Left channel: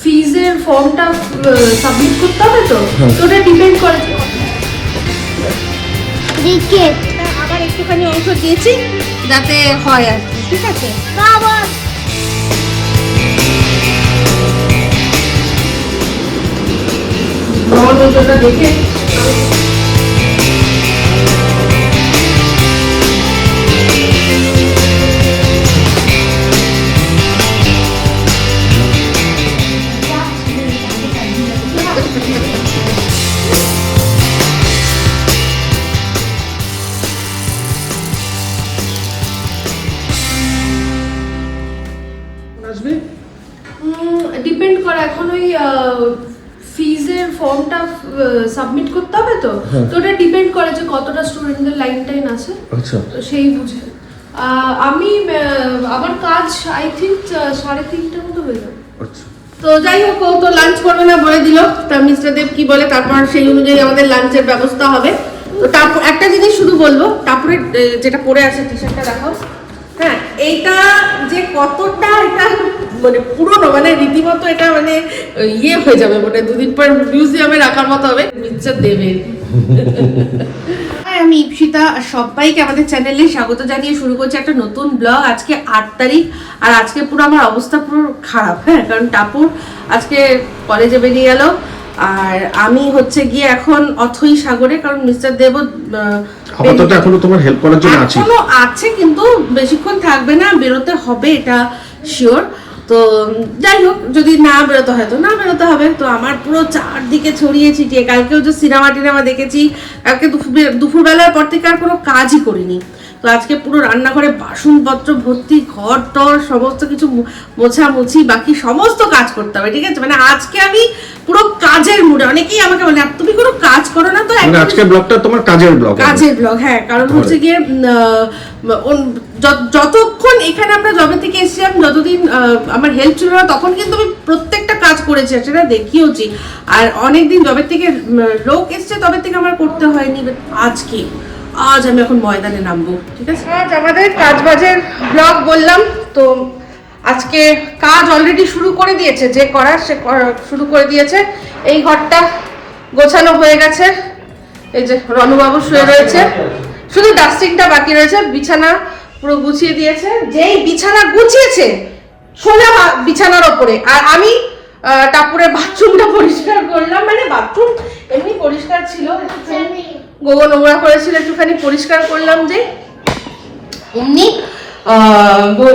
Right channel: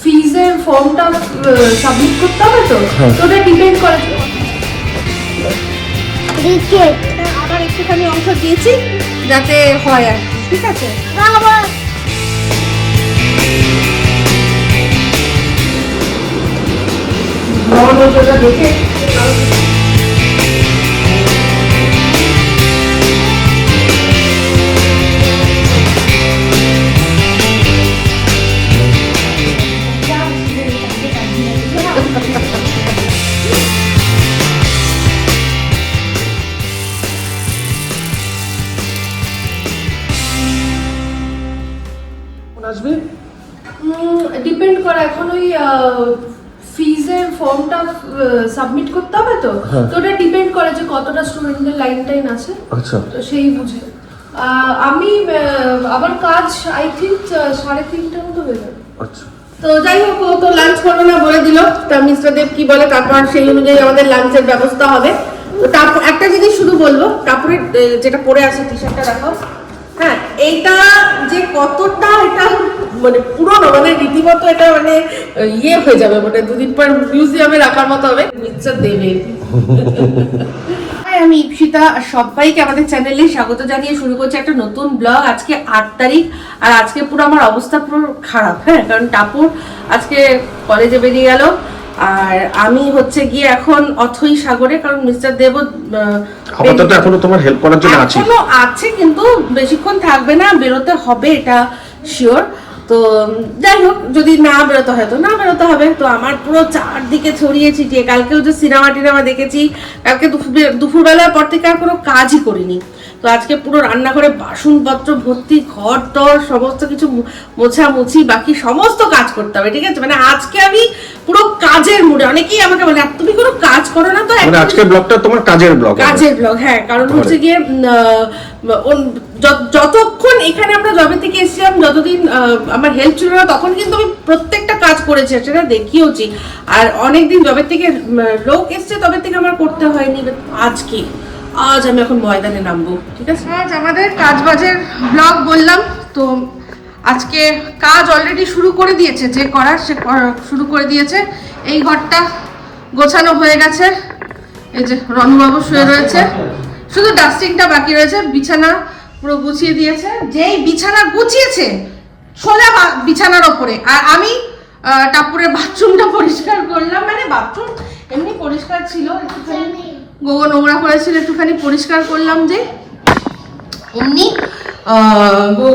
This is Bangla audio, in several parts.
ফিজের ফর্মটা সাবমিট করতে হবে তো? হ্যাঁ। তো ওটা ডিপেন্ড করে। ক্রিকেট আবার একটুখানি অংশ দিয়েছি যাতে হয় আর কি ঠিক আছে? বাবা আমার ওটা দেখে। সাবমিট করতে হবে তো? হ্যাঁ। তো ওটা ডিপেন্ড করে যে কতটা স্টুডেন্টদের লাইন টাইন আছে। আচ্ছা। তো সেই বুঝে। আমি আবার কাজ আই থিঙ্ক সাড়ে তিনটার মতো হয়ে যাবে। আচ্ছা। তো যাই হোক ও তো লাঞ্চ করবে না বলে দিল। তা মিস্টার দেব কি বলে? তারপর সেই অনুযায়ী আমাদের লাঞ্চের ব্যবস্থা হবে। তো তারপর একটা জিনিস শুধু বলব। তারপরে যেটা পরে আছে টি শার্টটা দেখাও। হ্যাঁ এইটা যে কতটা এটা মানে পুরনো মানে রীতিমতো এটা মানে ইয়ে হয়ে যাবে মানে দুদিন পর মিউজিয়ামে রাখার মতো হবে। মিস্টার দেবের। হাই আমি ইপসিতা সবাইকে আমাদের চ্যানেলে স্বাগত জানিয়ে শুরু করছি একটা নতুন ব্লগ আজকে আট তারিখ, আর আজকে পুরো আমার অবস্থা পুরো খারাপ হ্যাঁ কারণ টাপুর আজকে কলেজে বেরিয়ে গেল। আর আমি হচ্ছে গিয়ে এখন অথই সাগরে কারণ মিস্টার দেব আপাতত এখনও তোমার হেল্প করার জন্য আছি। এখনও আছে কিন্তু বেশিক্ষণ থাকবে না বেরোতে হবে এটা শিওর তো যাই হোক যদি না বেরোতে হয় তো না বেরোতে হবে। তো আমার পুরো চারদিকে ছড়িয়ে ছিটিয়ে কালকেও যে সিনেমা টিনেমা দেখেছি কালকে দুপুরবেলার পর থেকে আর কোনো কাজই করিনি। তো আজকে পুরো রান্নাঘরে বাসনপত্র ভর্তি ঘর টর সমস্ত কিছু মোছামুছি বাকি সমস্ত কাজ করতে হবে ঠিক আছে? মানে আজকে আমি পুরো কাজের মুডে অনেকেই আমাকে বলে "আর তুমি কোনো কাজ করো না তো? মানে আজকে ব্লগটা তোমার কাজের ব্লগ কাজের ব্লগ হ্যাঁ কারণ হচ্ছে গিয়ে যতক্ষণ এখানে আমরা জবে থেকে এসেছিলাম যতদিন আহ, আমার হেল্প ছিল না তখন কিন্তু আমি প্রত্যেকটা কাজ করেছি সেটা দেখিয়েওছি আর অনেকদিন জবে থেকে লোক এসছে তবে থেকে আমার করতে হয়নি আজকে। আজ আমি এখন ময়দানে নামবো ঠিক আছে? আজ আমাদের কাজ বাজের ব্লগ বললাম তো আজকে কাজ অলরেডি শুরু করে দিয়েছে যে করার সে শুরু করে দিয়েছে। এই ঘরটা গোছানো হয়ে গেছে। এই যে রনুবাবু শুয়ে রয়েছে। শুধু ডাস্টিংটা বাকি রয়েছে বিছানা পুরো গুছিয়ে দিয়েছে। যেই বিছানা গুছিয়েছে সোজা বিছানার ওপরে। আর আমি আহ, টাপুরের বাথরুমটা পরিষ্কার করলাম। মানে বাথরুম এমনি পরিষ্কার ছিল গোবর নোংরা করেছিল, একটুখানি পরিষ্কার করলাম যে অমনি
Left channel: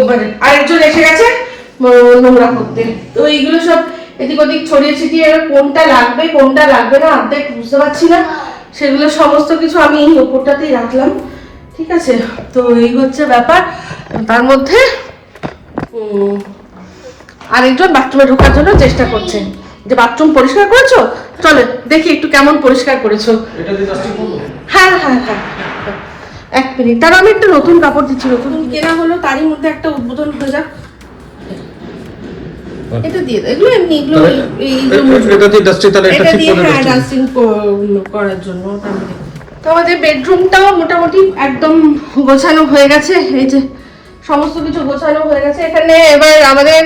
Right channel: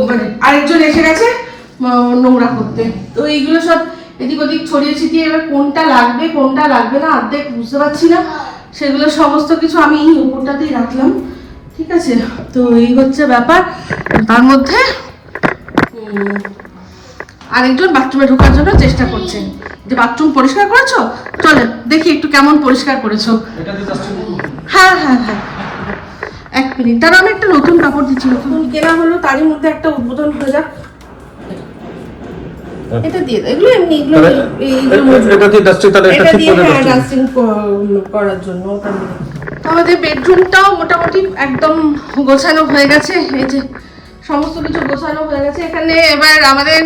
মানে আরেকজন এসে গেছে নোংরা করতে। তো এইগুলো সব এদিক ওদিক ছড়িয়ে ছিটিয়ে কোনটা লাগবে কোনটা লাগবে না অর্ধেক বুঝতে পারছি না। সেগুলো সমস্ত কিছু আমি এই উপরটাতেই রাখলাম, ঠিক আছে? তো এই হচ্ছে ব্যাপার। তার মধ্যে আরেকজন বাথরুমে ঢোকার জন্য চেষ্টা করছে। যে বাথরুম পরিষ্কার করেছ? চলে দেখি একটু কেমন পরিষ্কার করেছ। হ্যাঁ হ্যাঁ হ্যাঁ হ্যাঁ। এক মিনিট। তার আমি একটা নতুন কাপড় দিচ্ছি নতুন কেনা। হলো তারই মধ্যে একটা উদ্বোধন হয়ে যাক। এটা দিয়ে দাও এগুলো এমনি এগুলো তাহলে এটা দিয়ে ডাস্টিং তাহলে এটা ঠিক করে হ্যাঁ dusting। ডাস্টিং করার জন্য তো আমাদের বেডরুমটাও মোটামুটি একদম গোছানো হয়ে গেছে এই যে সমস্ত কিছু গোছানো হয়ে গেছে। এখানে এবার আমাদের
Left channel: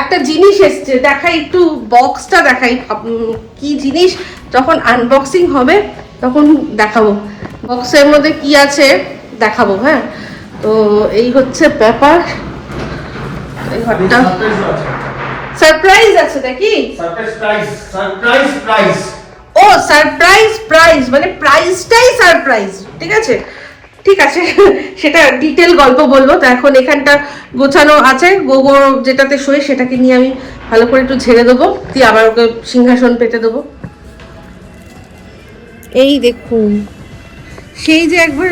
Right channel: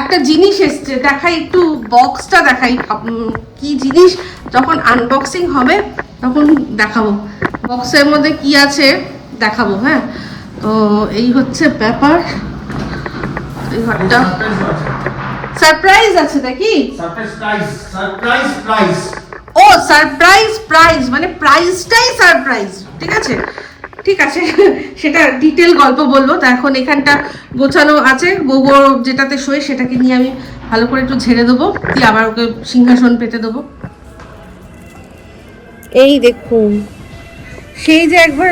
একটা জিনিস এসছে। দেখাই একটু বক্সটা দেখাই। কি জিনিস? যখন আনবক্সিং হবে তখন দেখাবো। বক্সের মধ্যে কি আছে দেখাবো হ্যাঁ? তো এই হচ্ছে ব্যাপার। এই ঘরটা। সারপ্রাইজ আছে নাকি? সারপ্রাইজ প্রাইস সারপ্রাইজ প্রাইস ও সারপ্রাইজ প্রাইজ মানে প্রাইজটাই সারপ্রাইজ ঠিক আছে? ঠিক আছে, সেটা ডিটেল গল্প বলব। তো এখন এখানটা গোছানো আছে, গোবর যেটাতে শোয় সেটাকে নিয়ে আমি ভালো করে একটু ঝেড়ে দেবো, দিয়ে আবার ওকে সিংহাসন পেতে দেবো। এই দেখুন, সেই যে একবার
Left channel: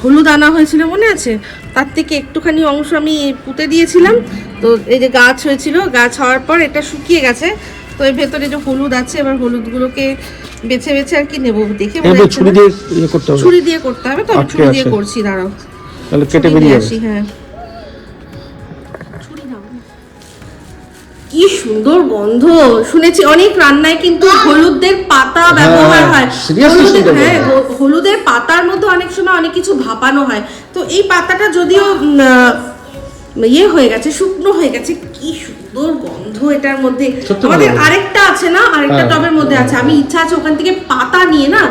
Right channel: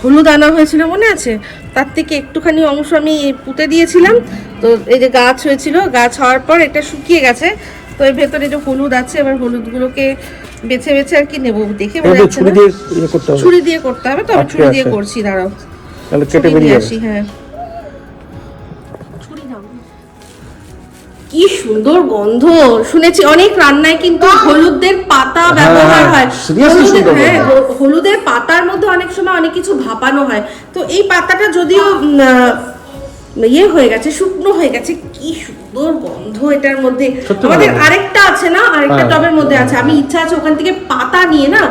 হলুদ আনা হয়েছিল মনে আছে? তার থেকে একটুখানি অংশ আমি পুঁতে দিয়েছিলাম। তো এই যে গাছ হয়েছিল, গাছ হওয়ার পর এটা শুকিয়ে গেছে। তো এর ভেতরে যে হলুদ আছে এবার হলুদগুলোকে বেছে বেছে আর কি নেব দেখে এটা বোঝা দিয়ে ছুরি দিয়ে ইয়ে করতে হবে? ছুরি দিয়ে করতে হবে তো আমি ছুরি দিয়ে করছি দাঁড়াও। তাহলে কেটে বেরিয়ে আসি হ্যাঁ। কি সুন্দর গন্ধ। শুনেছি অনেক রান্নায় কিন্তু হলুদের পাতা ব্যবহার হয়। হলুদের হ্যাঁ হলুদের পাতার মধ্যে অনেক সময় অনেক কিছু ভাপানো হয়। তো এই পাতাটা যদিও আহ, ইয়ে হয়ে গেছে শুকনো হয়ে গেছে কি সুন্দর সুন্দর গন্ধ এটার মধ্যে। আমাদের আরেকটা আছে না? আরেকটা হ্যাঁ। টবের মধ্যে আছে। আমি ইচ্ছা আছে ওখান থেকে পাতা নিয়ে না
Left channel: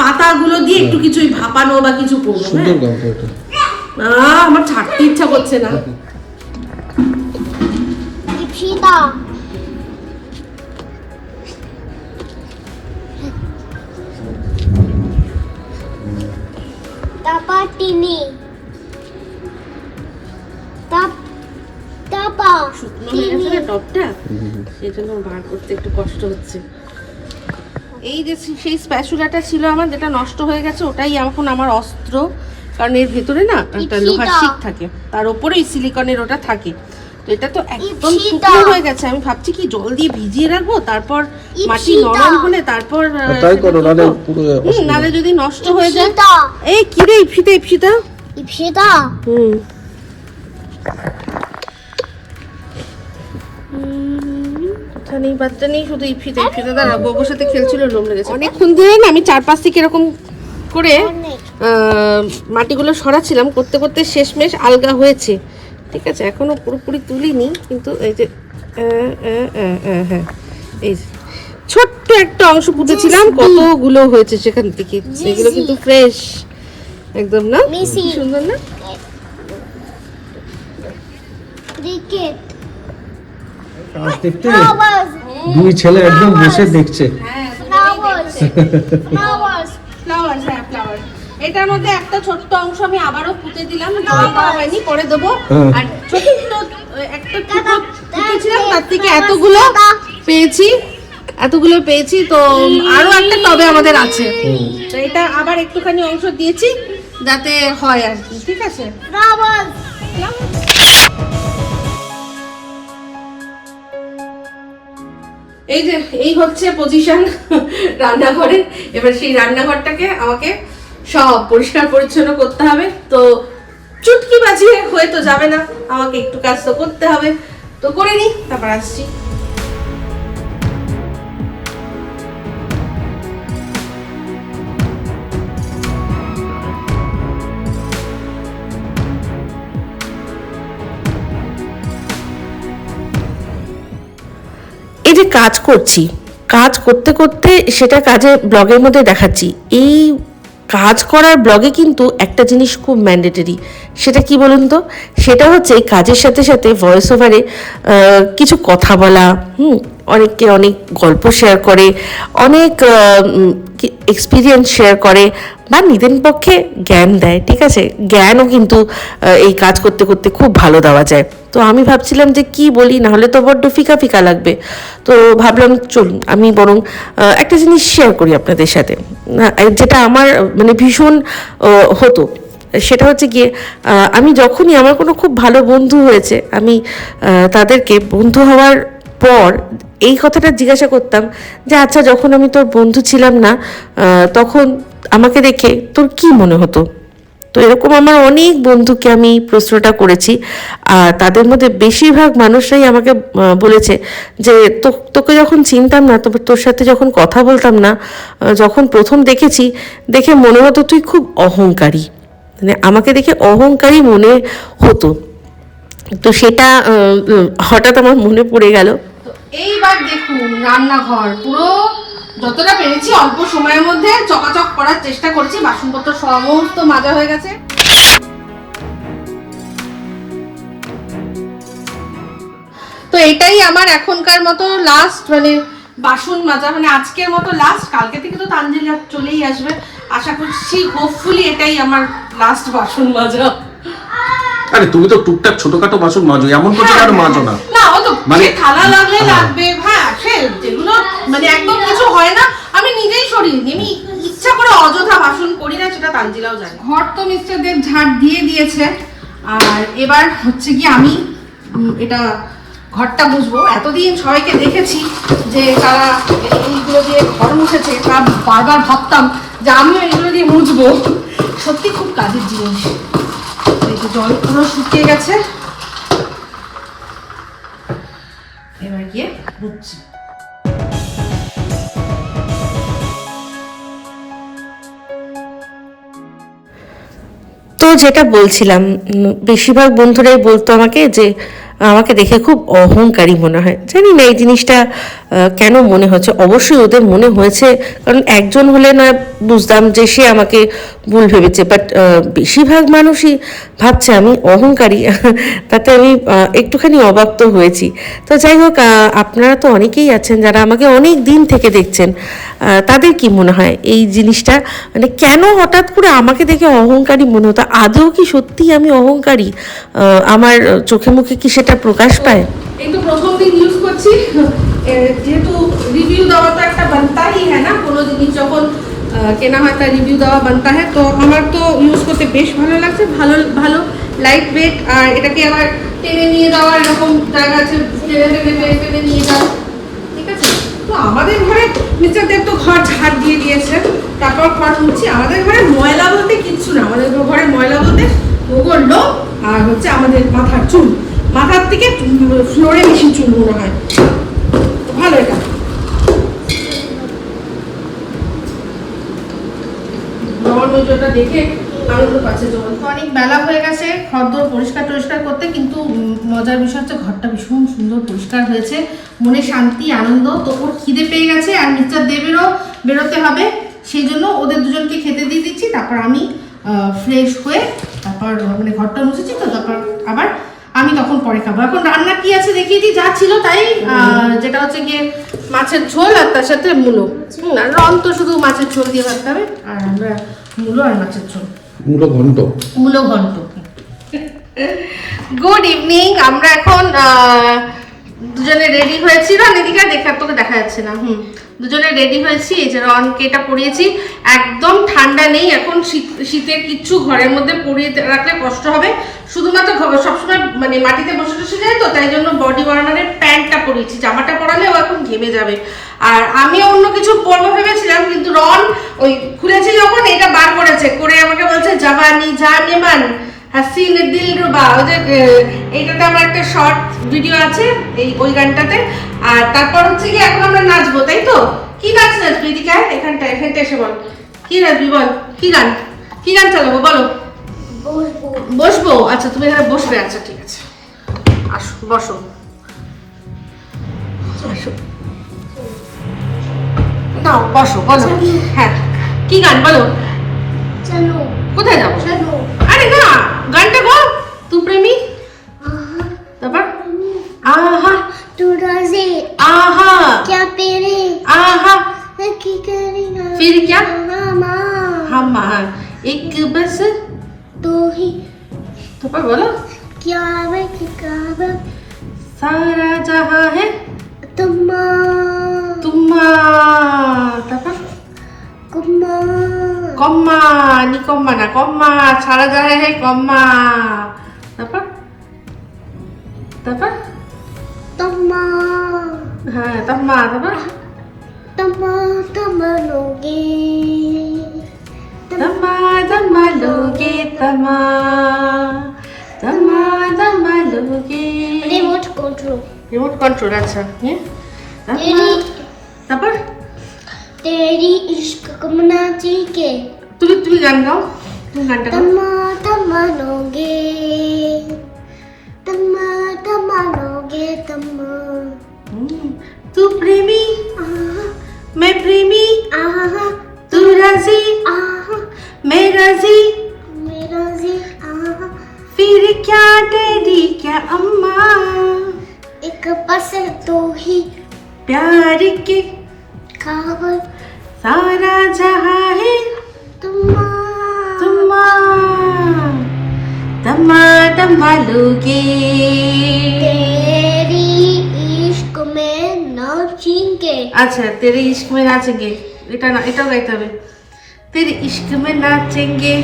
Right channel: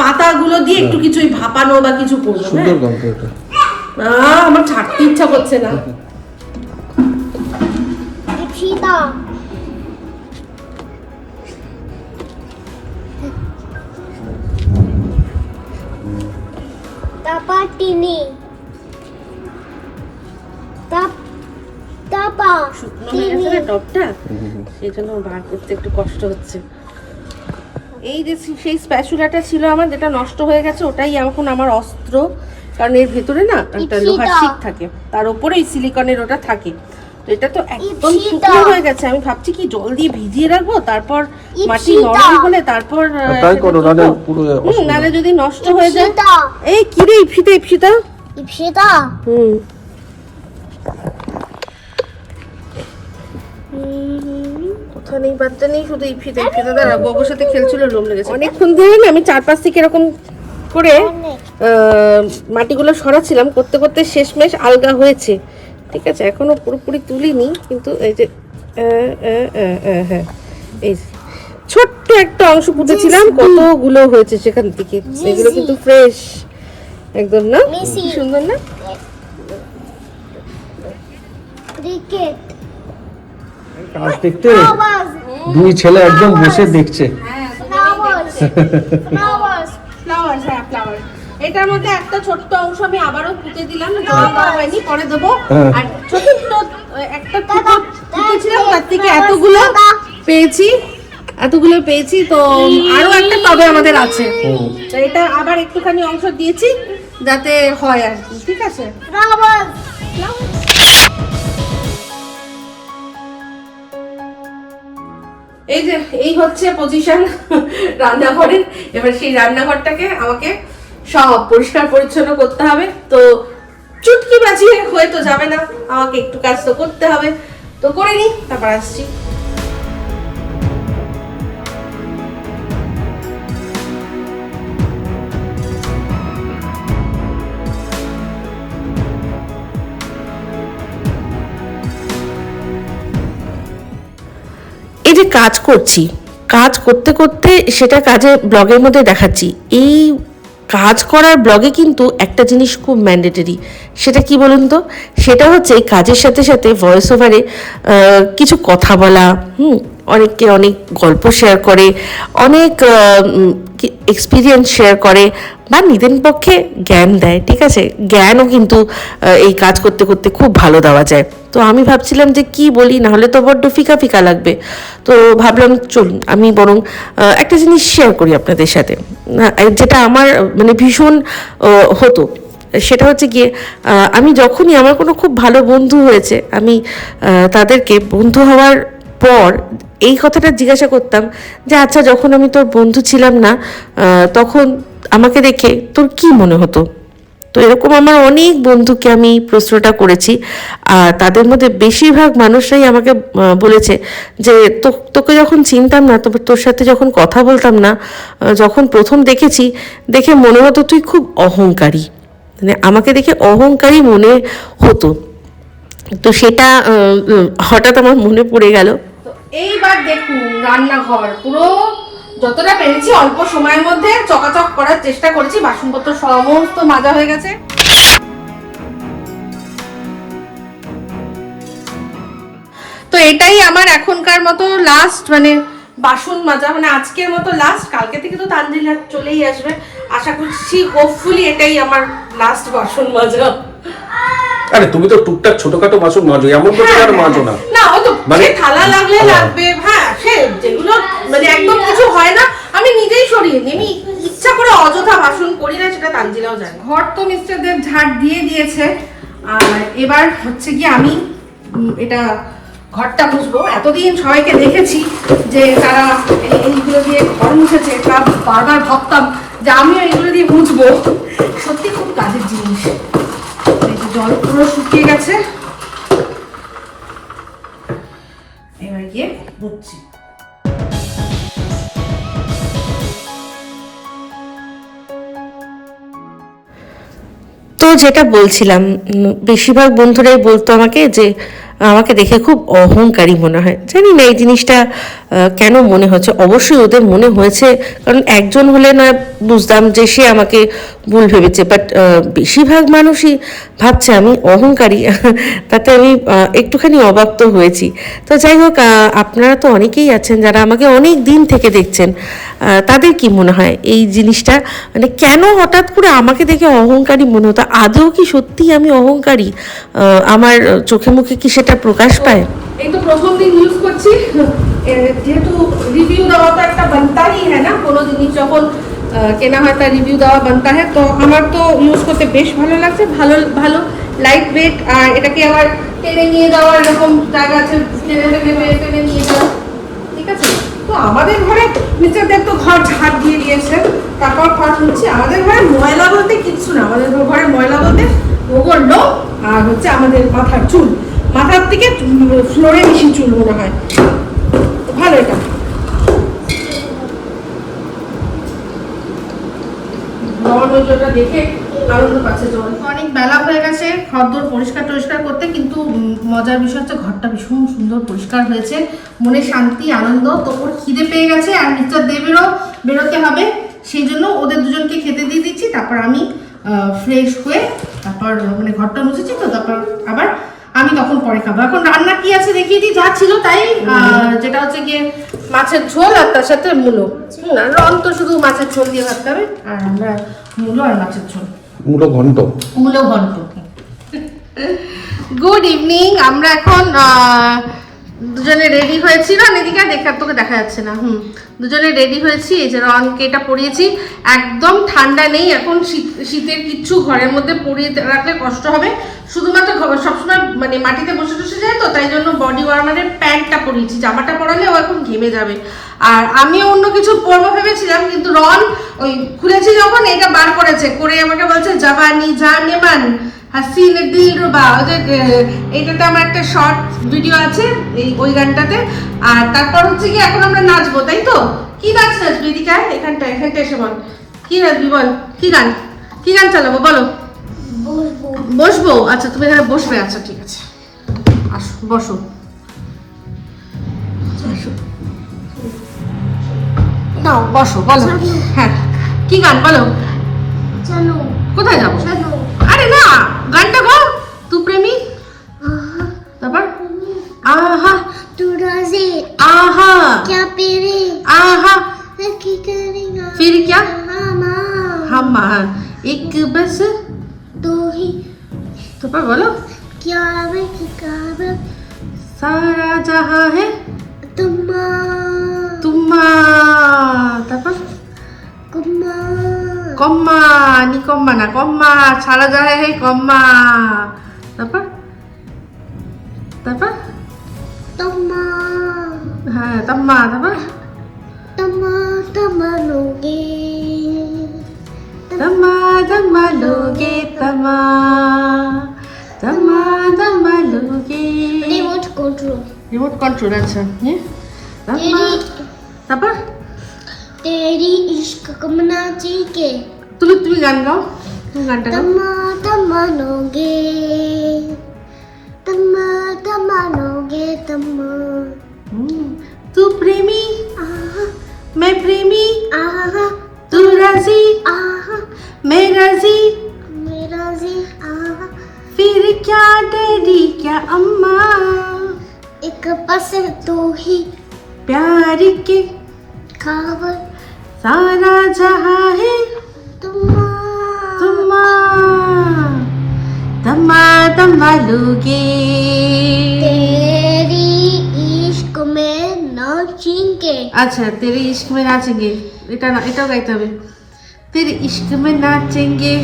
পাতাগুলো দিয়ে একটু কিছু ভাপানো বা কিছু করব সুন্দর হ্যাঁ গন্ধ এটা। আমার ছাড়তে ইচ্ছা করছে না। তারপর টিনি শুকনো হয়ে গেছে না টবটা সেই জন্য বার করতে একটু কষ্ট হচ্ছে। এই যে সেই স্প্যাচুলাটা ছিল আমার যেটা নষ্ট হয়ে গেছে ওটাই এখন আমার অস্ত্র। কারণ এর ভেতরে না একটা লোহার শিক থাকে। তার উপরে ওই সিলিকনের ওটা থাকে। তো এটা তো একদম শুকনো হয়ে গেছে। আমি ভাবছি কি জল দিয়ে ভিজিয়ে রাখব? তারপর মাটি নরম হলে তারপর আহ, তাই করো, করব। পুরো হুম, নাহলে যদি নষ্ট হয়ে যায়। এই কি রে ইপসিতা ইপসিতা ইপসিতা হুম। নেই বাচ্চা নেই শুধু গোগোর সাথে খেলছিল লোম লেগেছে। অনেকক্ষণ ধরে না আমি থেকে এরকম করে মাটিগুলো করতে করতে শেষমেশ আলগা হয়েছে। ঠিক আছে এখনও পুরোপুরি তুলিনি কিন্তু এই যে হ্যাঁ এই ছোট্ট একটা অংশ পুঁতেছিলাম কতগুলো হয়েছে সেখান থেকে। এগুলো কিন্তু ফ্রেশ একদম না? সুন্দর না? ক্রিকেট। কাজ দেখতে? দুই ছেলে একদম বসে দেখছে। হ্যাঁ ফ্লাওয়ার এটার মধ্যে একটা ছোট্ট অংশ আমি আবারও পুঁতে দিলাম। দেওয়া হয়নি পরে দেবো। হ্যাঁ। আর ছোট্ট একটা পুঁতেছিলাম তার থেকে এতগুলো পেয়েছি। এতগুলো পেয়েছি তো আরও একটা টবে আমাদের আছে। তো এটা আবার একটুখানি অংশ দিয়েছি যাতে হয় আর কি ঠিক আছে? এই যে, এই হচ্ছে পজিশন রান্নাঘরের। এবার সেই রান্নাঘরটাকে আমাকে সব পরিষ্কার পরিচ্ছন্ন করতে হবে। তো চুটকি বাজিয়ে হয়ে তো যাবে না। আমাকে একটু কাজ তো করতে হবে। তো করে নিই, তারপর আসছি। যে কাজ করছি, কাজ করতে করতে সেটা কাজে ব্লগের মধ্যে দেখাচ্ছি। এই কাজ করার ব্লগে কিন্তু একটা জিনিস খুব ম্যান্ডেটরি সেটা কি বলুন তো? সেটা হচ্ছে এই কাজের সাথে সাথে ভয়েস ওভারে কিছু কথা বলা, হুম, অনেককে অনেক গল্প শেয়ার করে, অনেক এক্সপিরিয়েন্স শেয়ার করে বা নিজের পক্ষে জ্ঞান দেয়, ঠিক আছে? জ্ঞানও কিন্তু এই কাজ করতে করতে খুব ভালো দেওয়া যায়। তো আমি ভাবছিলাম যে কি বলি না হলে তো বড্ড ফিকা ফিকা লাগবে। তো ভাবলাম, চলুন, আমি বরং একটা জিনিস শেয়ার করি আপনাদের সাথে। যেটা আমার মানে ভীষণ হতো। সেটা হচ্ছে গিয়ে আমি যখনই আমার কোনো খুব ভালো বন্ধু হয়েছে, আমি তাদেরকে বন্ধু হওয়ার পর এই কথাটা জিজ্ঞাসা করতাম যে আচ্ছা যখন আমি তোর বন্ধু ছিলাম না তখন আমাকে দেখে তোর কি মনে হতো? তো এরকম আমার অনেক বন্ধুকে আমি প্রশ্নটা করেছি। আর তাদের মধ্যে বেশিরভাগ মানুষরাই আমাকে বলেছে যে, তো- তোকে যখন চিনতাম না তবে তোর সাথে যখন কথা বলতাম না যখন প্রথম দেখেছি, দেখে মনে হতো তুই খুব অহংকারী। মানে আমাকে দেখে অহংকারী মনে হতো। তো সেটা হঠাৎ আমার মনে পড়ে গেল। এইবার দেখুন রান্নাঘর। পুরো যতটা পেরেছি অল্প সময়ের মধ্যে চকাচক করার চেষ্টা করেছি বাসনপত্র সমস্ত মাজা হয়ে গেছে। তো এটাই আমার এখনকার মতো লাস্ট মানে বাসন মাজা মানে আজকের মতো লাস্ট কালকে থেকে তো তানজিলা চলেই আসবে। আশা করছি হোপফুলি এটাই আমার লাস্ট বাসন মাজা। আরে তুমি তো টুকটাক ছোটখাটো বাসন মাজো এমন করছ কেন মাজো না? না ও তো মানে- থালা লাগলে হ্যাঁ। লাগবে হ্যাঁ সে যেগুলো মানে একদম কিছু হয় না আমি নিজেই সরিয়ে দিই আমি ইচ্ছা করে অযথা বাসন করি না সেটা তানজিলাও জানে ঘর তো মিস্টার দেব ঝাড় দিয়ে দিয়েছে। আর এবার হচ্ছে কি আমি এটা ঘরটা মুছবো এতদিন সবাইকে দেখেছি যে তারা এইগুলো দিয়ে ঘর মুছেছে তা বারবার ভাবতাম যে আমিও এইগুলো দিয়ে মুছবো। সত্যি খুব কাজের জিনিস। জল পুরো শুকিয়ে গেছে। বুঝছি তো যেটা বলছিলাম বেশিরভাগ বন্ধুরাই বলতো আমাকে যে আমাকে দেখে খুব অহংকারী মনে হয়। জানি না, এই জিনিসটা কেন মনে হচ্ছে? অবশ্যই ওদের মনে হয়েছে, কারণ একজন হলে না বুঝতাম যে সে আমাকে ভুল ভেবেছে। বাট বেশিরভাগ মানুষই ভাবছে আমি অহংকারী, তাতে আমি একটুখানি অবাক তো হয়েছি। তো যাই হোক আপনারা তো অনেকেই আছেন যারা আমাকে অনেক দিন থেকে দেখছেন তাদের কি মনে হয় এই জিনিসটা? মানে কেন হঠাৎ করে আমাকে দেখে অহংকারী মনে হতো? আদৌ কি সত্যি আমি অহংকারী? আমার চোখে মুখে কি সেটা প্রকাশ পায়। এই তো প্রথম দিন ইউজ করছি। যেহেতু রিভিউ দেওয়া তো একটা বানতা হি হ্যাঁ না? কোনো জিনিস যখন কেনা হয় তার রিভিউ দেওয়া বানতা হ্যাঁ? তো আমার তো ইউজ করতে বেশ ভালো লাগছে, ভালো ভালো লাইট ওয়েট আর এটাকে আবার টেনে নিয়ে যাওয়ার এরকম জায়গা আছে, টেনে টেনে টেনে নিয়ে যাওয়া। ঠিক আছে? তো আমাদের ঘরে দেব তো ঘর ঝাড় দিয়ে দিয়েছে, তারপর ঘর মুছছি আমাদের ঘরে ময়লা বলতে কিচ্ছু না। আমাদের ঘরে ময়লা বলতে গোবর লোক আর হচ্ছে আমাদের মাথার চুল। মাথার থেকে ফ্লোরে বেশি চুল মনে হয়। ভালো এটা। দেখে অনেক বেলা হয়ে গেছে ঘরদোর পরিষ্কার টরিষ্কার করতে, কিন্তু মজার বিষয় হচ্ছে ঘরটা ভীষণ সুন্দর পরিষ্কার হয়েছে। মনে শান্তি, আনন্দ, তো খিদে পেয়ে গেছে আর মিস্টার দেবেরও বেরোতে হবে। সেই জন্য ওদের দুজনকে খেতে দিয়ে দিচ্ছি, তারপর আমি ফ্রেশ হয়ে তারপর মানে ঘরটা মুছেছি তো, তারপর আবার আমি তখন পরে খাব। এখন রান্না কি আছে দেখিয়ে দিই যা ছিল তাই যেটা হচ্ছে গিয়ে মাছের ঝোল আর তার সাথে মুলো। রং তো শুধু মাছের ঝোল দিয়ে ভাবতে হবে আর আমরা মুলো আর মাছের ঝোল। মূলো ঘন্ট। মূলো ঘন্ট। গুড ইভিনিং আমরা এখন দুজনে রেডি হয়েছি। না এদিকে আর দেখা তোকে দেখা যাচ্ছে না। হুম। দুজনে রেডি হয়েছি, এই যে রনকে এটা পরিয়েছি। একদম ঠান্ডা নেই, এখন শীত, শীতের কিচ্ছু ঘরের মধ্যে পরিয়ে রাখলে কষ্ট হবে। শুধুমাত্র সবসময় মানে মাটিতে বসে বসে যায় তো, তাই জন্য বডি ওয়ার্মারের প্যান্টটা পরিয়েছি। জামাটা পরালে ও এখন ঘেমে যাবে। আর আমিও অন্য কিছু পরবো ভেবেছিলাম, কিন্তু রন ওই খুলেছি যখন, এটা বার করেছে। করে আমাকে বলছে, জাবানি, জানেমান হাসিন দিল রুবা ওই যে এইটাতে আমার একটা শর্ট ভিডিও আছে এই ওই গানটাতে। আর তারপর হচ্ছে কি এখন আমরা নাচবো তাই তো? কি নাচ নাচবি এদিকে? এখানটা এখানটা এসে বল। কি নাচবি বল? কি গান? কি গান চালাবো বলো। বসবো। আচ্ছা তুমি এখানে বসবে আচ্ছা ঠিক আছে। আসো বসো। আসো। নাও বসো বলো। হ্যাঁ। কি গান বলো। জানো কোথায় যাব? আরে না গানটা গো তু প্রেমী তারপর আহা तू राजी आहा क्या पेरे आहा की करेगा फिर क्या हम हम एक बस तो ही তারপর বলো क्या वे की काबा সারা জাহা হে तुम्मा তোমা তারপর कुम्मा কম্মা নি কম্মা না কম্মা সারা জাহা হে কম্মা তারপর তারপর तुम्मा হ্যাঁ তাম্মা তারপর तम्मा तम्मा लोगे तमा तमा लोगे तमा तमा तमा लोगे रिमोट कंट्रोल রিমোট কন্ট্রোল আচ্ছা হ্যাঁ তারপর तेरी তারপর तेरी इश्क कमना के তুমি তুমি গান গাও তুমি গানটা গাও तम्मा तम्मा लोगे तम्मा तम्मा लोगे तम्मा हम्म, तू प्रेमी आहा मैं प्रेमी आहा तू राजी आहा मैं राजी मेरा जी आहा फिर क्या डैडी क्या अम्मा एक बस तो ही प्यार के खबर सारा जहा है तुम्मा तम्मा तम्मा लोगे तेरी इश्क में नाचेंगे अच्छा तेरे इश्क में नाचेंगे এটা না এটাও গাইতে হবে। তেরে ইশক মে নাচেঙ্গে।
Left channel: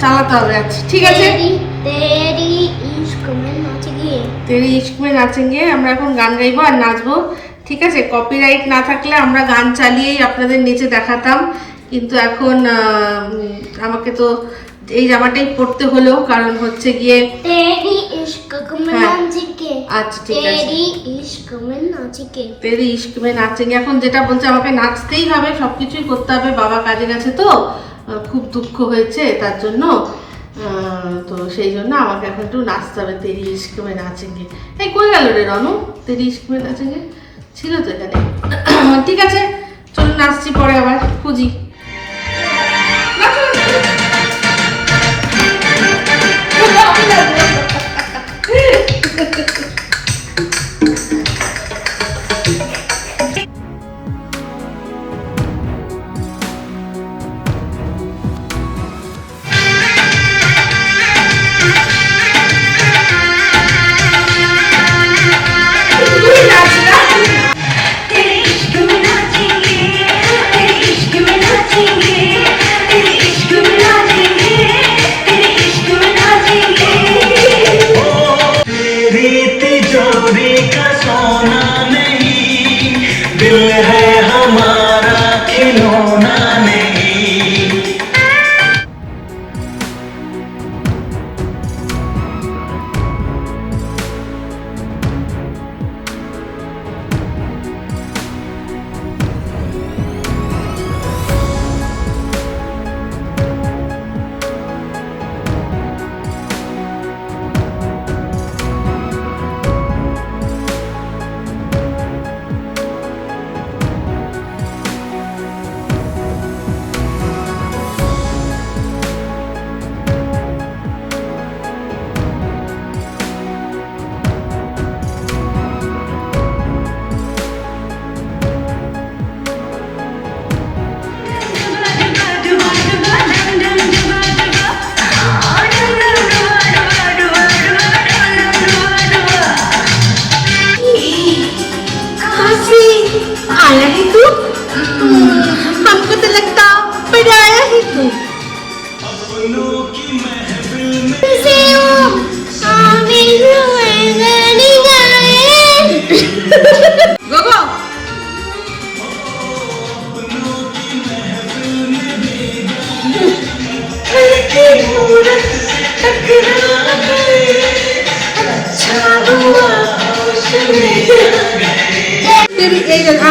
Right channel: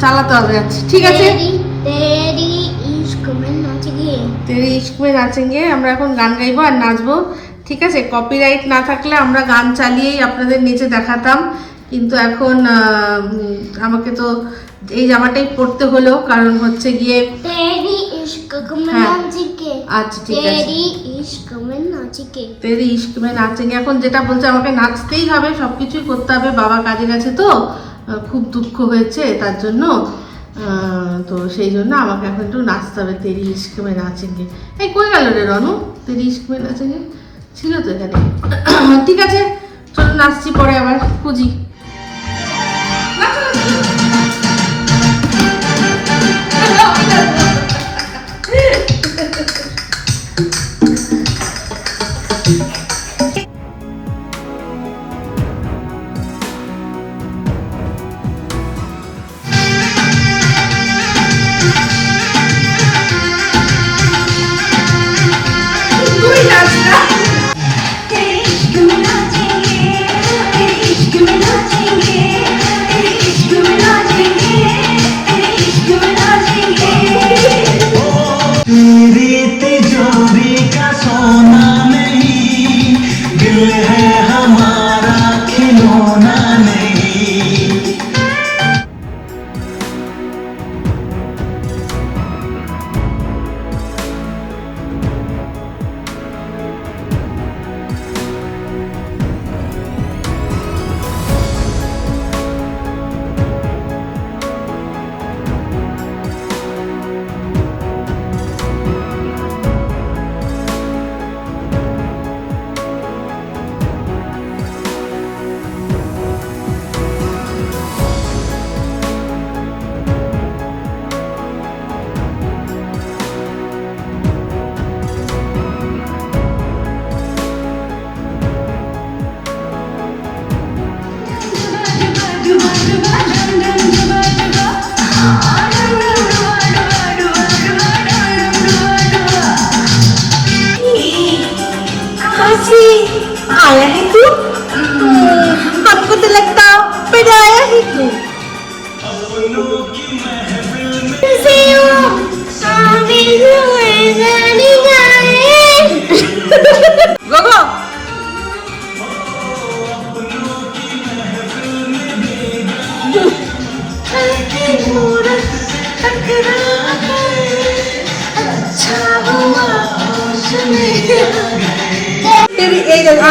চালাতে হবে আচ্ছা ঠিক আছে। তেরি ইশক মে নাচেঙ্গে। তেরি ইশক মে নাচেঙ্গে। আমরা এখন গান গাইবো আর নাচবো। ঠিক আছে? কপিরাইট না থাকলে আমরা গান চালিয়েই আপনাদের নিচে দেখাতাম। কিন্তু এখন আমাকে তো এই জামাটাই পরতে হলো কারণ হচ্ছে গিয়ে হ্যাঁ। আচ্ছা ঠিক আছে। তেরি ইস্কমে নাচেং। এখন যেটা বলছে আমাকে নাচতেই হবে সব কিছুই করতে হবে বাবা কাজে গেছে তো খুব দুঃখ হয়েছে তার জন্য। তো সেই জন্য আমাকে এখন একটু নাচতে হবে তেরি ইস্কমে নাচেঙ্গে এই কই গেল রে রনু? তেরি ইস্কমে নাচেঙ্গে ছিল তো এখানে। ঠিক আছে চলুন আসছি পরে আবার খুঁজি। আমি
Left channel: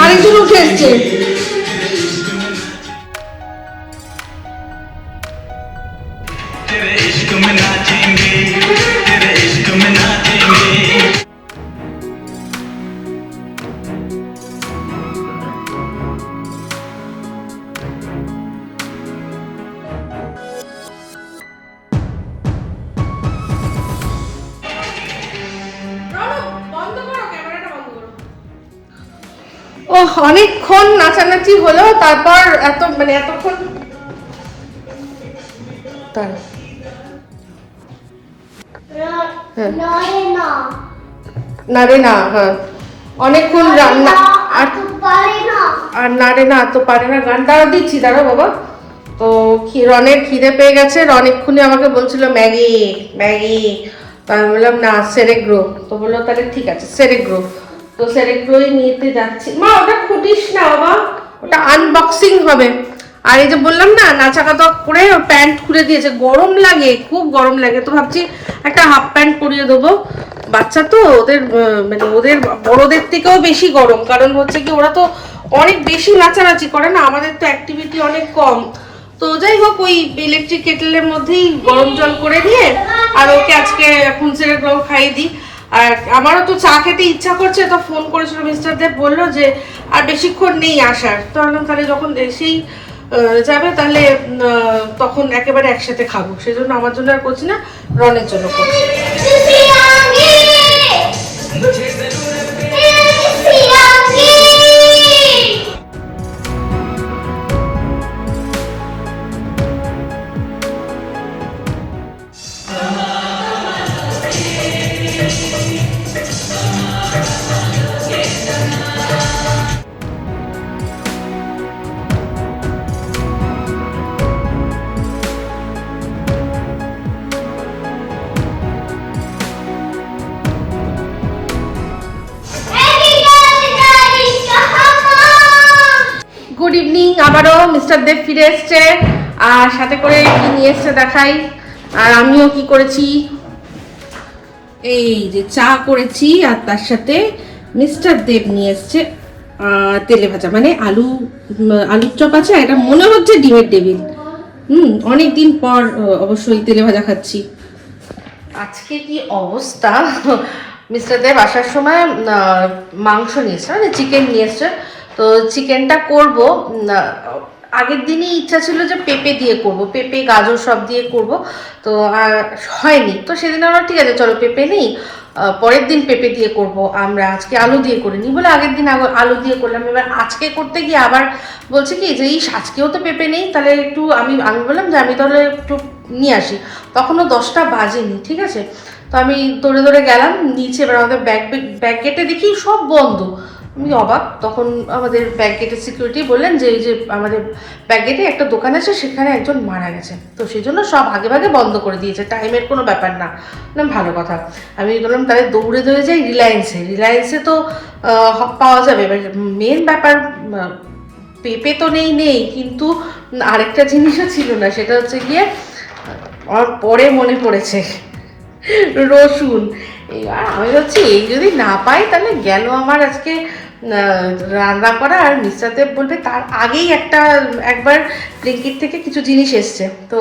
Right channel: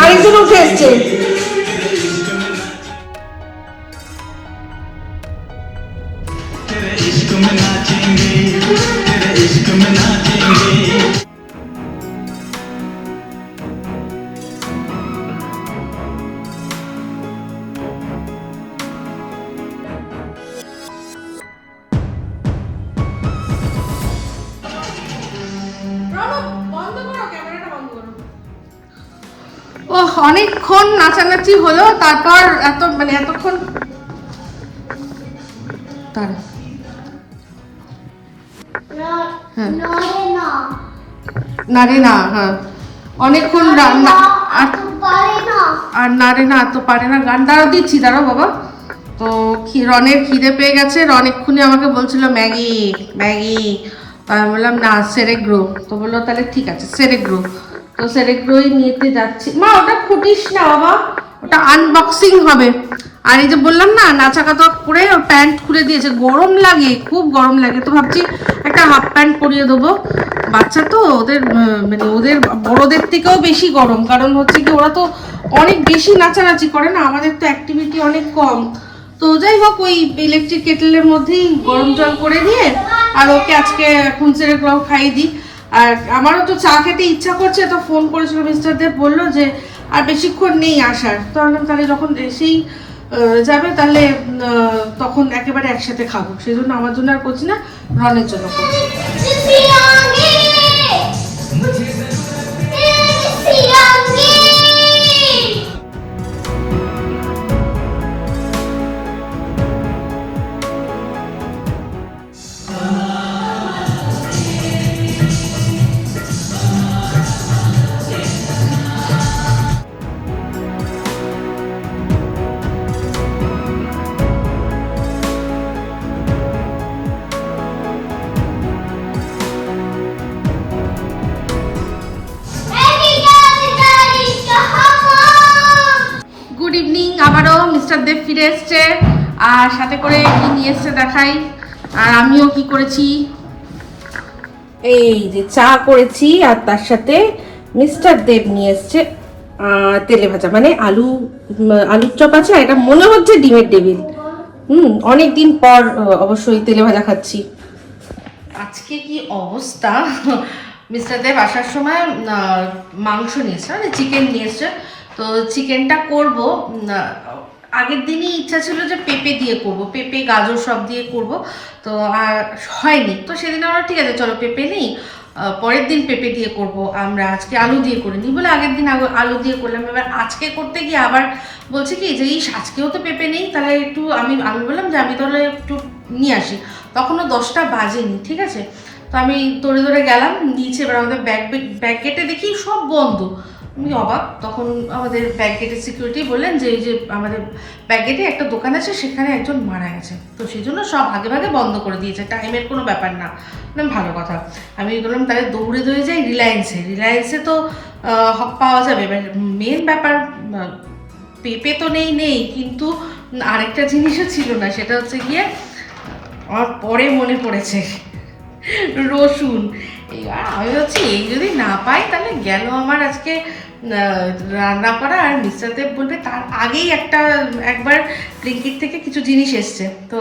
আরেকজন উঠে এসছে। নাচানাচি হলো তারপর এত মানে এতক্ষণ তার হ্যাঁ। না না হ্যাঁ। অনেকক্ষণ আর না রে না, তো পারে না। গান দাঁড়াও, দিচ্ছি, দাঁড়াও বাবা। তো রনের খিদে পেয়ে গেছে। রন আমাকে বলছিল, ম্যাগি ম্যাগি। তো আমি বললাম, না সেরেগ্রো তো বলল, তাহলে ঠিক আছে সেরে সেরেগ্রো তো সেরেগ্রোই নিতে যাচ্ছি। মা, ওটা খুঁটিস না বাবা। ওটা আনবক্সিং হবে। আর এই যে বললাম না, নাচাকাতা করে প্যান্ট খুলে দিয়েছে। গরম লাগে, খুব গরম লাগে। তো ভাবছি একটা হাফ প্যান্ট পরিয়ে দেবো। বাচ্চা তো, ওদের মানে ওদের বড়দের থেকেও বেশি গরম। কারণ হচ্ছে কি, ওরা তো অনেক বেশি নাচানাচি করে না। আমাদের তো অ্যাক্টিভিটি অনেক কম। তো যাই হোক, ওই ইলেকট্রিক কেটেলের মধ্যেই গরম জল করে দিয়ে আর ওকে আজকে এখন সেরে খাইয়ে দিই। আর আমারও তো চা খেতে ইচ্ছা করছে, তো ফোন করেছিল মিস্টার দেব, বলল যে আর বেশিক্ষণ নেই আসার। তো আমরা তাহলে যখন এসেই যাবে, তাহলে তখন একেবারে একসাথে খাব। সেই জন্য আমার জন্য আর করছি না, রনের জন্য করছি। আবারও মিস্টার দেব ফিরে এসছে। আর সাথে করে কি নিয়ে এসছে দেখাই। আর আমিও কি করেছি? এই যে চা করেছি, আর তার সাথে মিস্টার দেব নিয়ে এসছে তেলে ভাজা। মানে আলু আলুর চপ আছে এটা মনে হচ্ছে ডিমের টেবিল। হুম অনেক দিন পর অবশ্যই তেলে ভাজা খাচ্ছি। আজকে কি অবস্থা? মিস্টার দেব আসার সময় মাংস নিয়ে এসছে মানে চিকেন নিয়ে এসছে। তো চিকেনটা করব আগের দিনই ইচ্ছা ছিল যে পেঁপে দিয়ে করব, পেঁপে, গাজর সব দিয়ে করব, তো আর হয়নি। তো সেদিন আমরা ঠিক আছে, চলো পেঁপে নেই পরের দিন পেঁপে দিয়ে করব, আমরা আজকে আলু দিয়ে করিনি বলে আগের দিন আলু দিয়ে করলাম, এবার আজকে করতে গিয়ে আবার বলছে কি যে, ইস, আজকেও তো পেঁপে নেই, তাহলে একটু আমি আমি বললাম যে, আমি তাহলে একটু নিয়ে আসি। তখনও দশটা বাজেনি, ঠিক আছে? তো আমি দৌড়ে দৌড়ে গেলাম, নিচে এবার আমাদের ব্যাগ ব্যাগ গেটে দেখি সব বন্ধ। আমি অবাক। তখন আমাদের ব্যাগ গেটের সিকিউরিটি বললেন যে, এই যে আমাদের ব্যাগ গেটে একটা দোকান আছে, সেখানে একজন মারা গেছে তো সেই জন্য সব আগে ভাগে বন্ধ করে দিয়েছে। টাইমের কোনো ব্যাপার না। বললাম ভালো কথা। আমি বললাম, তাহলে দৌড়ে দৌড়ে যাই রিলায়েন্সে রিলায়েন্সে তো পাওয়া যাবে। এবার মেন ব্যাপার পেঁপে তো নেই নেই। কিন্তু আরেকটা জিনিসও ছিল না। সেটা হচ্ছে গিয়ে, আমার পরে মনে পড়েছে। রসুন। এবার আমি ভাবছি, এই যদি না পাই, তাহলে গেল আমার আজকে রান্না করা আর মিস্টার দেব বলবে তার আগেই একটা, একবার ব্লিঙ্কিট থেকে কিছু জিনিস এসছে। তো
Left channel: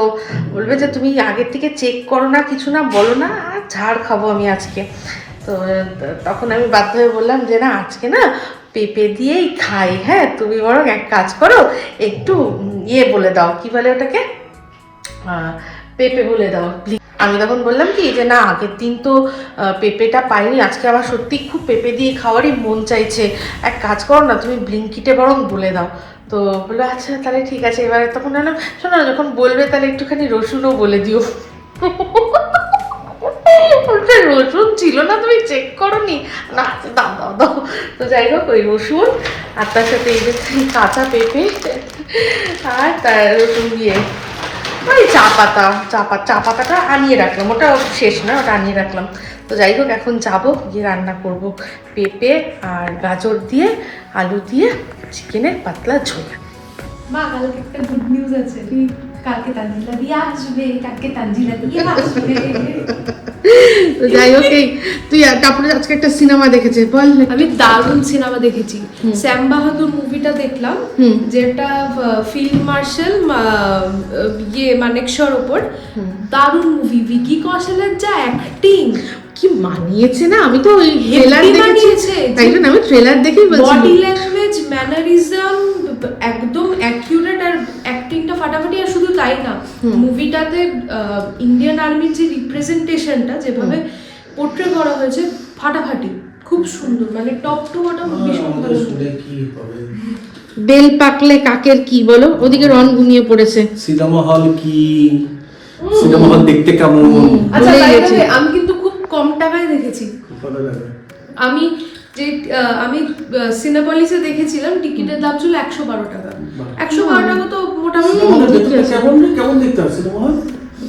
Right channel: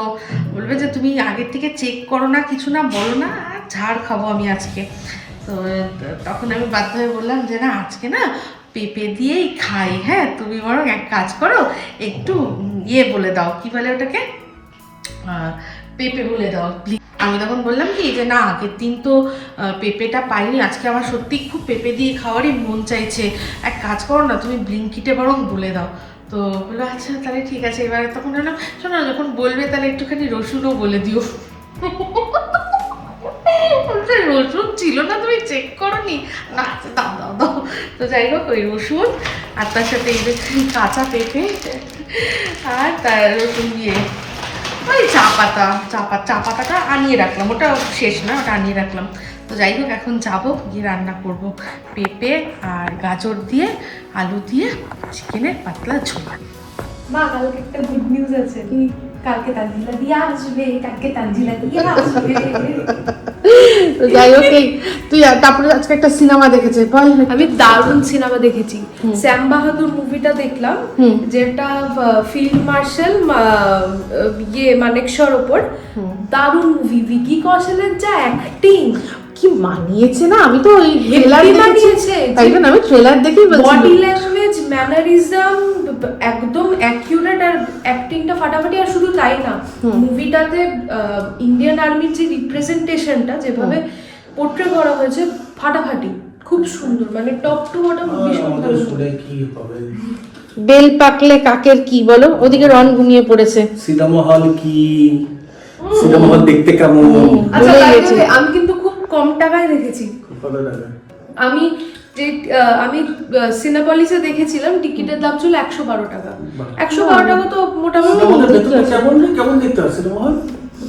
বলবে যে, তুমি আগের থেকে চেক করো না, কিছু না, বলো না, আর ঝাড় খাব আমি আজকে। তো, তখন আমি বাধ্য হয়ে বললাম যে, না, আজকে না, পেঁপে দিয়েই খাই হ্যাঁ তুমি বরং এক কাজ করো, একটু ইয়ে বলে দাও। কি বলে ওটাকে? পেঁপে বলে দাও please। আমি তখন বললাম কি যে না আগের দিন তো পেঁপেটা পাইনি আজকে আমার সত্যি খুব পেঁপে দিয়ে খাওয়ারই মন চাইছে। এক কাজ করো না তুমি ব্লিঙ্কিটে বরং বলে দাও। তো বলল আচ্ছা তাহলে ঠিক আছে। এবারে তখন বললাম শোনো যখন বলবে তাহলে একটুখানি রসুনও বলে দিও। রসুন ছিল না তুমি চেক করনি? না আচ্ছা, দাও দাও দাও। তো যাই হোক ওই রসুন আর তার সাথে এই যে কাঁচা পেঁপে আর তার রসুন দিয়ে ওই চা পাতা চা পাতা চা পাতাটা আনিয়ে রাখলাম। ওটা শেষ না ওটা আনিয়ে রাখলাম। তো যাই হোক এখন যাব গিয়ে রান্না করব। পেঁপে আর গাজর দিয়ে আলু দিয়ে চিকেনের পাতলা ঝোল। মা কালকে একটা গুড নিউজ আছে। কালকে তানজিলা দিয়ে আসবে কালকে তানজিলা দিয়ে আসবে। তো যাই হোক তুই তারপরে আজকে একটা সিনেমা দেখেছে বল। আমি দারুণ সিনেমা দেখেছি। শ্যাম বাহাদুর মুভিটা দেখলাম হুম। যেটা ফিল্ড মার্শাল ইয়ে মানেকশর ওপর। দারুণ মুভি ভিকি কৌশলের যা অ্যাক্টিং কি মানিয়েছে না? আমি তো ওই ট্রেলার মানিয়েছে। তাই জন্য আমি ট্রেলার দেখেই বডি ল্যাঙ্গুয়েজ ম্যানারিজম একদম অ্যাকিউরেট আর অ্যাক্টিংটা ফাটাফাটি আর শুধু তাই না মুভিটাতে ইন্ডিয়ান আর্মির যে রিপ্রেজেন্টেশনটা যেভাবে পোট্রে করা হয়েছে ফাটাফাটি খুব সুন্দর মানে টপ টু বটম ভীষণ ভালো বেল পাকলে কাকের কি বলো? ওদিকে রন ঘুমিয়ে পড়েছে। সিনেমা হল কি? সিনেমা হল দেখতে কেমন? আচ্ছা আমি কিন্তু কম টাকায় দেখেছি। খুব ভালো লাগে। আমি যে আমি সিনেপলিসে দেখেছিলাম টিকিটের দাম ছিল একশো বারো টাকা। একশো বারো টাকা তো মোটামুটি কেমন কেমন দেখতে সিনেমা হল?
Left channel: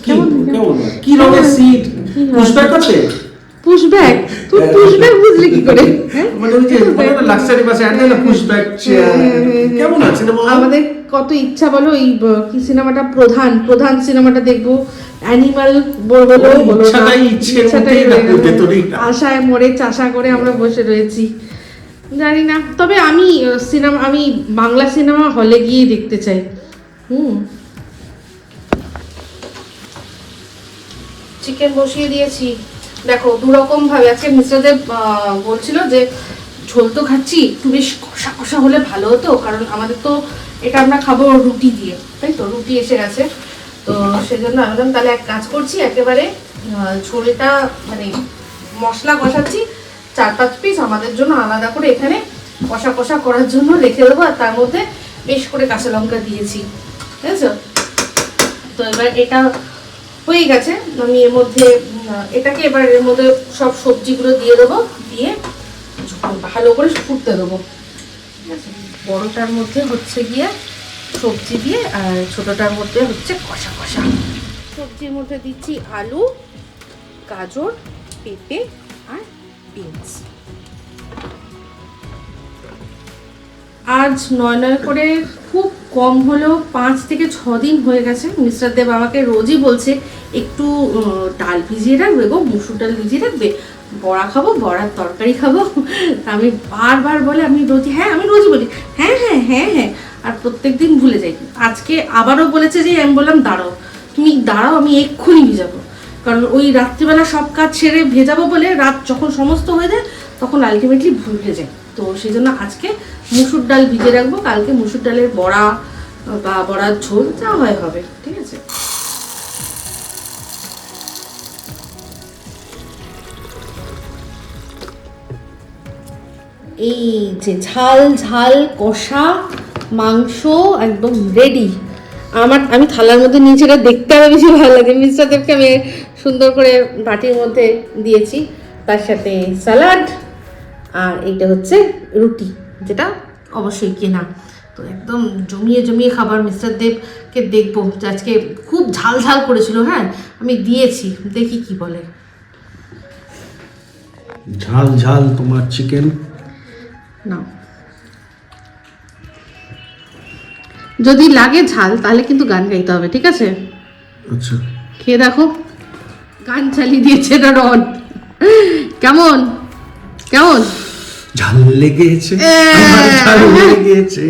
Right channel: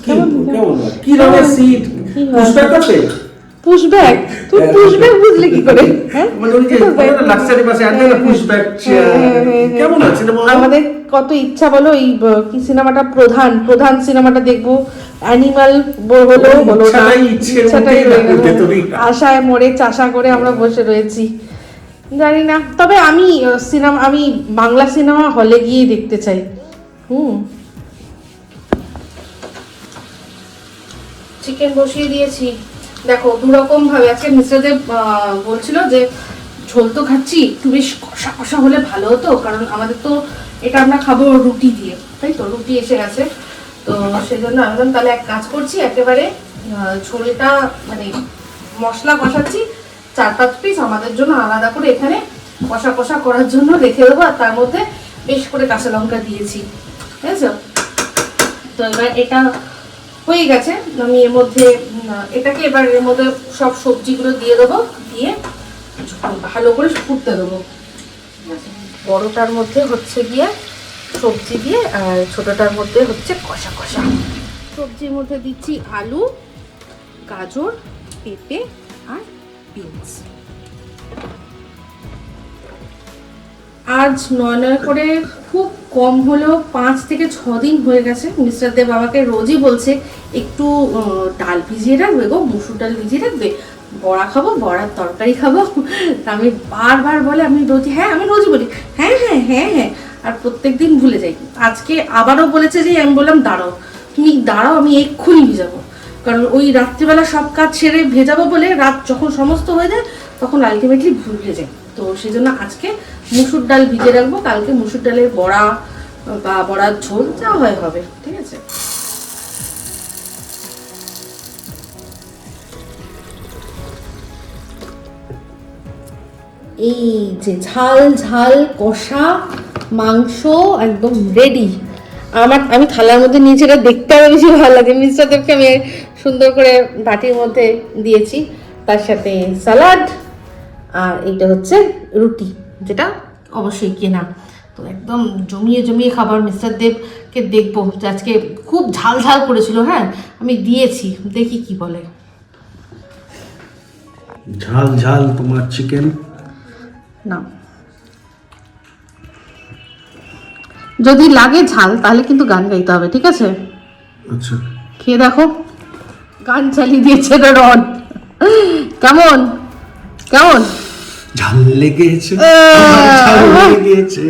কেমন কেমন কি সিট পুশব্যাক আছে? পুশব্যাক তুই পুশব্যাক বুঝলি কি করে? মানে ওই যে লাক্সারি বাসে আছে না পুশব্যাক কেমন আছে আমাদের কত ইচ্ছা বলো এই কি সিনেমাটা প্রধান প্রধান সিনেমাটা দেখব। অ্যানিমাল হলো হলো না। ইচ্ছাটাই। আশায় মরে চাষা করে আমরা বসে রয়েছি। জানি না তবে আমি সিনেমা আমি বাংলা সিনেমা হলে গিয়েই দেখতে চাই। হুম। চিকেন বসিয়ে দিয়েছি। দেখো দুরকম ভাবে আজকে মিস্টার দেব আহ, বলছিল যে ঝোল তো খাচ্ছি একটু বেশ কষা কষা হলে ভালো হতো কারণ আমাদের তো এটা আমরা খাব রুটি দিয়ে তাই তো? রুটি এসে গেছে। তো সেজন্য একদম তাহলে এক কাজ করছি একেবারে আহ, মানে মশলা কষাচ্ছি চার পাঁচ পিস আমাদের জন্য আলাদা করে এখানে কষা কষা করার জন্য রেখে দেবো আর তার মধ্যে বেশ করে কাঁচা লঙ্কা দিয়েছি বুঝেছ তো এবার এটা হয়ে গেছে আমি এর মধ্যে এটাকে এবার এর মধ্যে সব সবজিগুলো দিয়ে দেবো দিয়ে ভালো করে ফুটতে দেবো ঠিক আছে? বড়টার মধ্যে হচ্ছে গিয়ে সবজি দিয়ে ছোটটার মধ্যে হচ্ছে কষা কষা। সবজির মধ্যে দিচ্ছি আলু, গাজর, পেঁপে আর বিনস। আজ নয় নয় করে খুব কম হলেও পাঁচ থেকে ছ দিন হয়ে গেছে। মিস্টার দেব আমাকে রোজই বলছে, একটু ডাল ভিজিয়ে রাখবে গো, মুসুর ডাল ভিজিয়ে রাখবে বড়া খাব, বড়ার তরকারি খাব। তা আমি বারবার বলে আমি রোজই হ্যাঁ আমি রোজই বলি। হ্যাঁ হ্যাঁ হ্যাঁ হ্যাঁ। আর প্রত্যেকদিন ভুলে যাই। আজকে আবারও বলেছে যে, আমি বললাম, দাঁড়াও, তুমি দাঁড়াও, আমি এক্ষুনি ভিজাবো। কারণ ওই রাত্রিবেলা সব কাজ সেরে ভেজাবো বলে রাত যখন সমস্ত হয়ে যায়, তখন আলটিমেটলি ভুলে যায় তো সেই জন্য আজকে মুসুর ডাল ভিজে রাখব। কালকে মুসুর ডালের বড়া বা বড়ার ঝোল, যা হয় হবে, ঠিক আছে? এই যে ঝাল ঝাল, কষা মাংস একদম রেডি আমার আমি থালার মধ্যে এটা দেখতে আমার বেশি ভালো লাগে। মিস্টারদেরকে আমি সুন্দর করে বাটির মধ্যে দিয়েছি। তার সাথে স্যালাড আর এইটা হচ্ছে রুটি যেটা অবশ্যই কেনা তো একদম জমিয়ে জমিয়ে খাবার মিস্টার দেবকে দেখব যে আজকে খুব ঝাল ঝাল করেছিল হ্যাঁ? আমি দিয়েছি দেখি কি বলে। ঝাল ঝাল তোমার চিকেন না। যদি লাগে ঝাল তাহলে কিন্তু গান গাইতে হবে ঠিক আছে? আচ্ছা। খেয়ে দেখো গান চালিয়ে দিয়েছে এটা রন। কেমন? কেমন? ঝাল লেগেছে ঝাল লেগেছে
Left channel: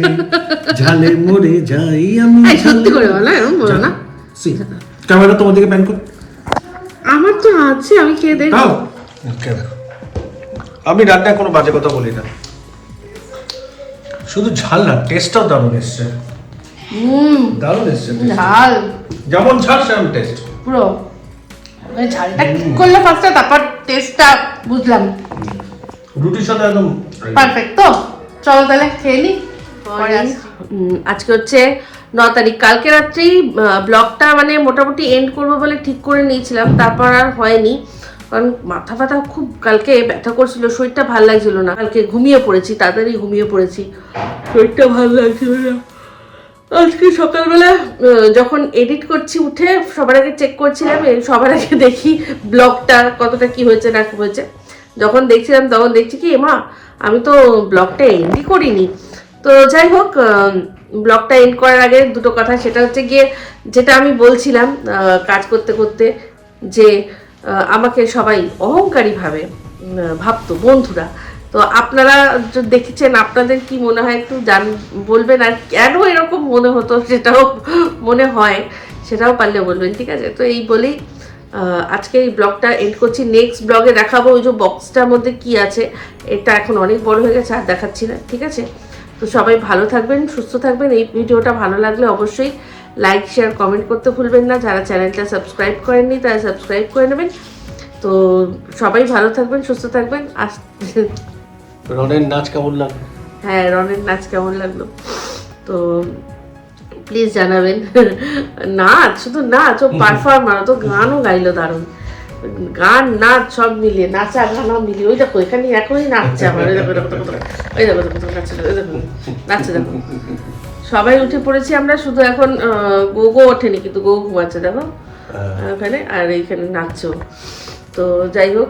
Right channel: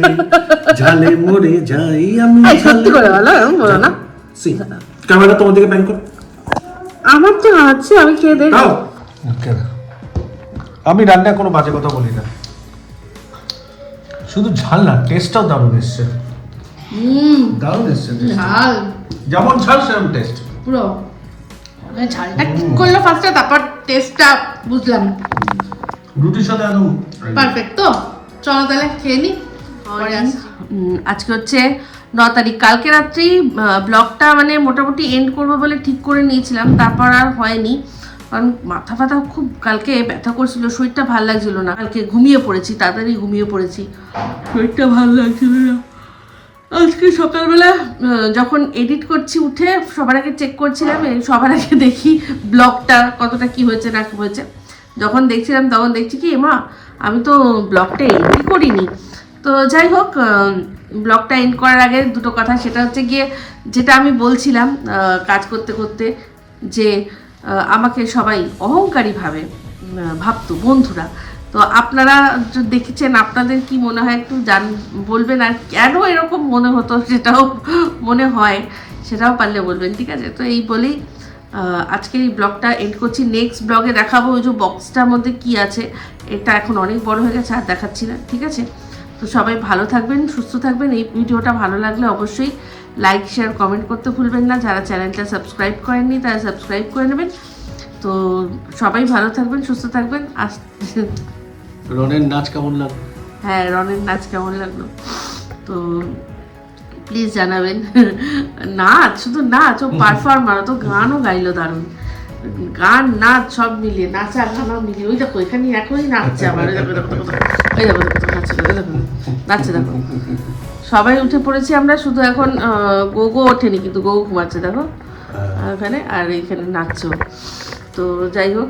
ঝালে মরে যাই আমি সত্যি করে বলো এরকম বলো না। সি ক্যামেরা তোমার দিকে প্যান কর। আমার তো আছে আমি খেয়ে দাও। আমি রান্না কোনো বাজে কথা বলি না। শুধু ঝাল না টেস্টটাও দারুণ এসছে। দারুণ এসছে ঝাল। যেমন ঝাল সেরকম টেস্ট পুরো। মানে ঝালটা ঠিক করল ফার্স্টে তারপর টেস্টটা বুঝলাম। রুটির সাথে একদম পারফেক্ট তো? চলো তাহলে খেয়ে নি? আজকে হচ্ছে ন তারিখ। কালকে রাত্রেই ব্লগটা মানে মোটামুটি এন্ড করব বলে ঠিক করে নিয়েছিলাম। তারপর আর হয়নি। কারণ মাথা ব্যথা খুব কালকে ব্যথা করছিল শরীরটা ভালো লাগছিল না। কালকে ঘুমিয়ে পড়েছি তাড়াতাড়ি ঘুমিয়ে পড়েছি। শরীরটা ভালো লাগছিল না। আজকে সকালবেলা যখন এডিট করছি উঠে, সবার আগে চেক করছিলাম সবার আগে দেখি ব্লগটা, কতটা কি হয়েছে, না কি হয়েছে। যখন দেখছিলাম, তখন দেখছি কি, মা, আমি তো ব্লগটা এন্ডই করিনি। তো যাই হোক ব্লগটা এন্ড করার আগে দুটো কথা, সেটা হচ্ছে গিয়ে, যেটা আমি বলছিলাম কাজ করতে করতে, যে আমাকে সবাই অহংকারী ভাবে ভাবতো বন্ধুরা। তো আপনারা দেখেছেন, আপনাদের কি মনে হয় একটু জান, বলবেন আর কেন এরকম মনে হতো সেটাও মনে হয়, সেটাও পারলে বলবেন, ঠিক আছে? তো এই বলেই আজকে এই ব্লগটা এন্ড করছি। নেক্সট ব্লগে দেখাবো ওই যে বক্সটার মধ্যে কি আছে। এটা এখন অনেক বড় হয়ে গেছে, আর দেখাচ্ছি না, ঠিক আছে? তো সবাই ভালো থাকবেন, সুস্থ থাকবেন। এই ভিডিওটা ভালো লাগলে অবশ্যই লাইক শেয়ার কমেন্ট করতে ভুলবেন না। যারা চ্যানেলটা সাবস্ক্রাইব করেননি, তারা সাবস্ক্রাইব করে নেবেন। তো সবাই ভালো থাকবেন, সুস্থ থাকবেন। আস রনের নাচ কেমন লাগল? হ্যাঁ রনের নাচ কেমন লাগল? তো প্লিজ জানাবেন। নাচ শুধু নাচ ও পারফর্মার তো গানও গাইলো দারুণ। গান নাচ সব মিলিয়ে নাচা গানা মিলিয়ে ওই দেখো এখানে এখনই নাচছে আমার ওই দেখো দেখো দেখো দেখো। ওই দেখো দেখো দেখো, নাচছে ওই দেখো নাচছে দেখো। সবাই উঠে পড়েছি আমরা শুধু এখন গো গো ওঠেনি কিন্তু গো ঘুমাচ্ছে দেখো। ওখানে আর এইখানে নাচছো তো যাই হোক